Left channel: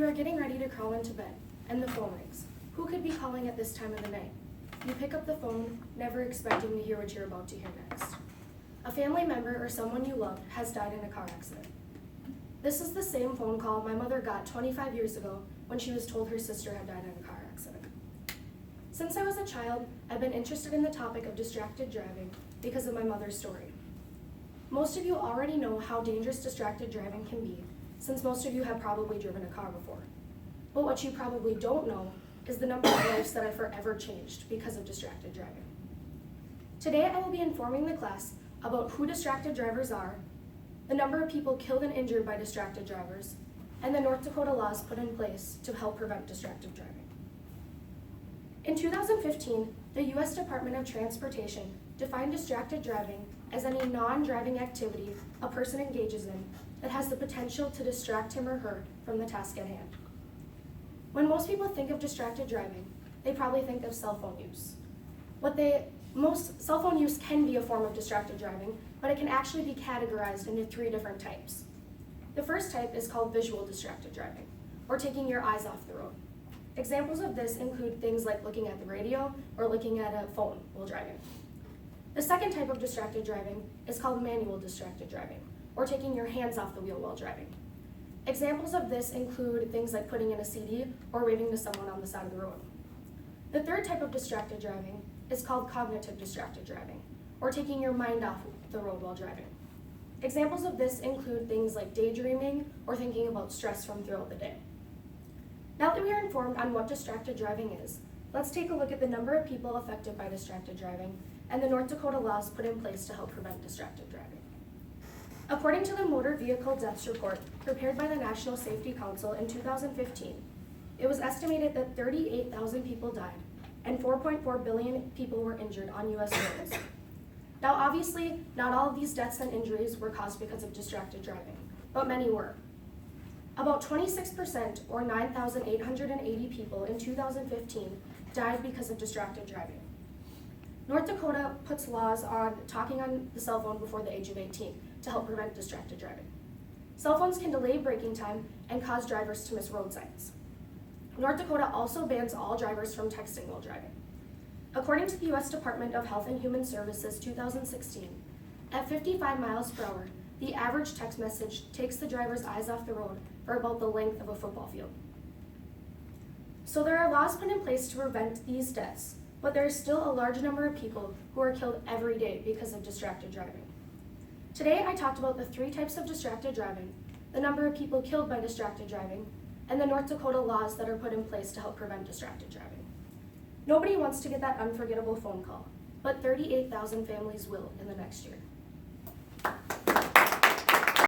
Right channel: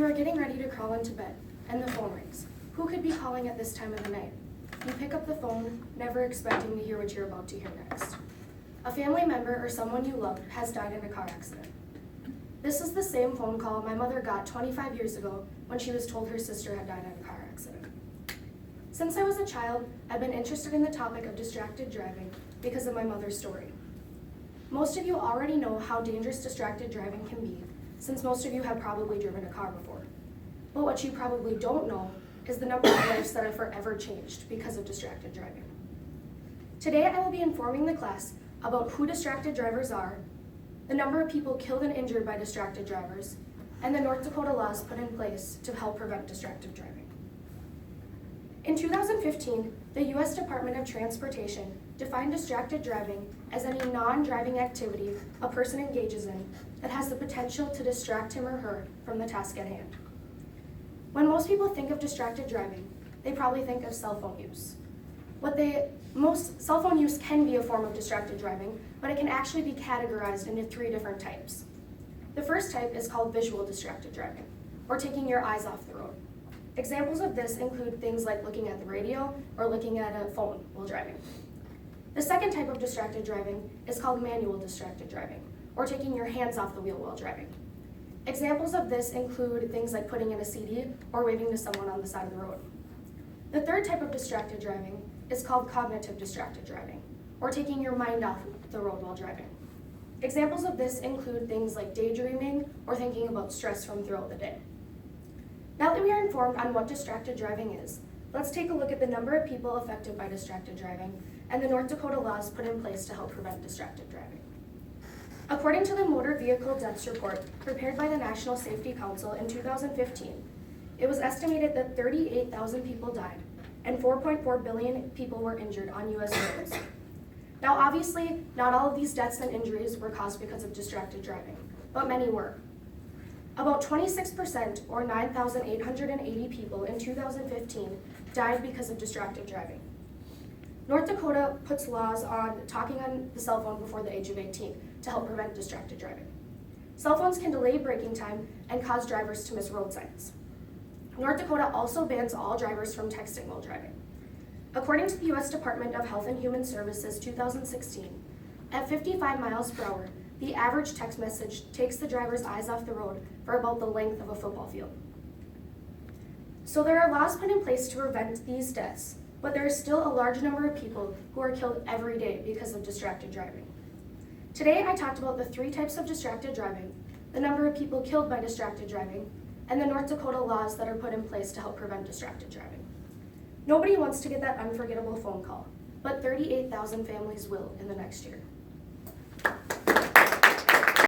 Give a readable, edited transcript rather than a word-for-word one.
You are getting ready to crawl into bed, and the phone rings. Who could be calling at this time of the night? You pick up the phone, never expecting to hear what you're about to hear next. A family member or someone you love has died in a car accident. This is the same phone call my mother got 25 years ago when she was told her sister had died in a car accident. Since I was a child, I've been interested in the topic of distracted driving because of my mother's story. Most of you already know how dangerous distracted driving can be, since most of you have probably driven a car before. But what you probably don't know is the number of lives that are forever changed because of distracted driving. Today I will be informing the class about who distracted drivers are, the number of people killed and injured by distracted drivers, and the North Dakota laws put in place to help prevent distracted driving. In 2015, the U.S. Department of Transportation defined distracted driving as any non-driving activity a person engages in that has the potential to distract him or her from the task at hand. When most people think of distracted driving, they probably think of cell phone use. Cell phone use can be a form of distracted driving, but it can actually be categorized into 3 different types. The first type is called visual distracted driving, or taking your eyes off the road. Examples of this include things like looking at the radio or looking at a phone while driving. The second type of distracted driving is called manual distracted driving, or taking your hands off the wheel while driving. Examples of this include things like putting in a CD or waving to someone on the side of the road. The third type of distracted driving is called cognitive distracted driving, or taking your mind off the road while driving. Examples of this include things like daydreaming or thinking about stress from throughout the day. Now that we are informed on what distracted driving is, let's take a look at the number of people affected by distracted driving and the North Dakota laws put in place to help prevent distracted driving. According to the Motor Vehicle Deaths Report prepared by the National Safety Council in 2015, it was estimated that 38,000 people died and 4.4 billion people were injured on U.S. roads. Now obviously, not all of these deaths and injuries were caused because of distracted driving, but many were. About 26%, or 9,880 people in 2015, died because of distracted driving. North Dakota puts laws on talking on the cell phone before the age of 18 to help prevent distracted driving. Cell phones can delay braking time and cause drivers to miss road signs. North Dakota also bans all drivers from texting while driving. According to the U.S. Department of Health and Human Services 2016, at 55 miles per hour, the average text message takes the driver's eyes off the road for about the length of a football field. So there are laws put in place to prevent these deaths, but there is still a large number of people who are killed every day because of distracted driving. Today I talked about the 3 types of distracted driving, the number of people killed by distracted driving, and the North Dakota laws that are put in place to help prevent distracted driving. Nobody wants to get that unforgettable phone call, but 38,000 families will in the next year.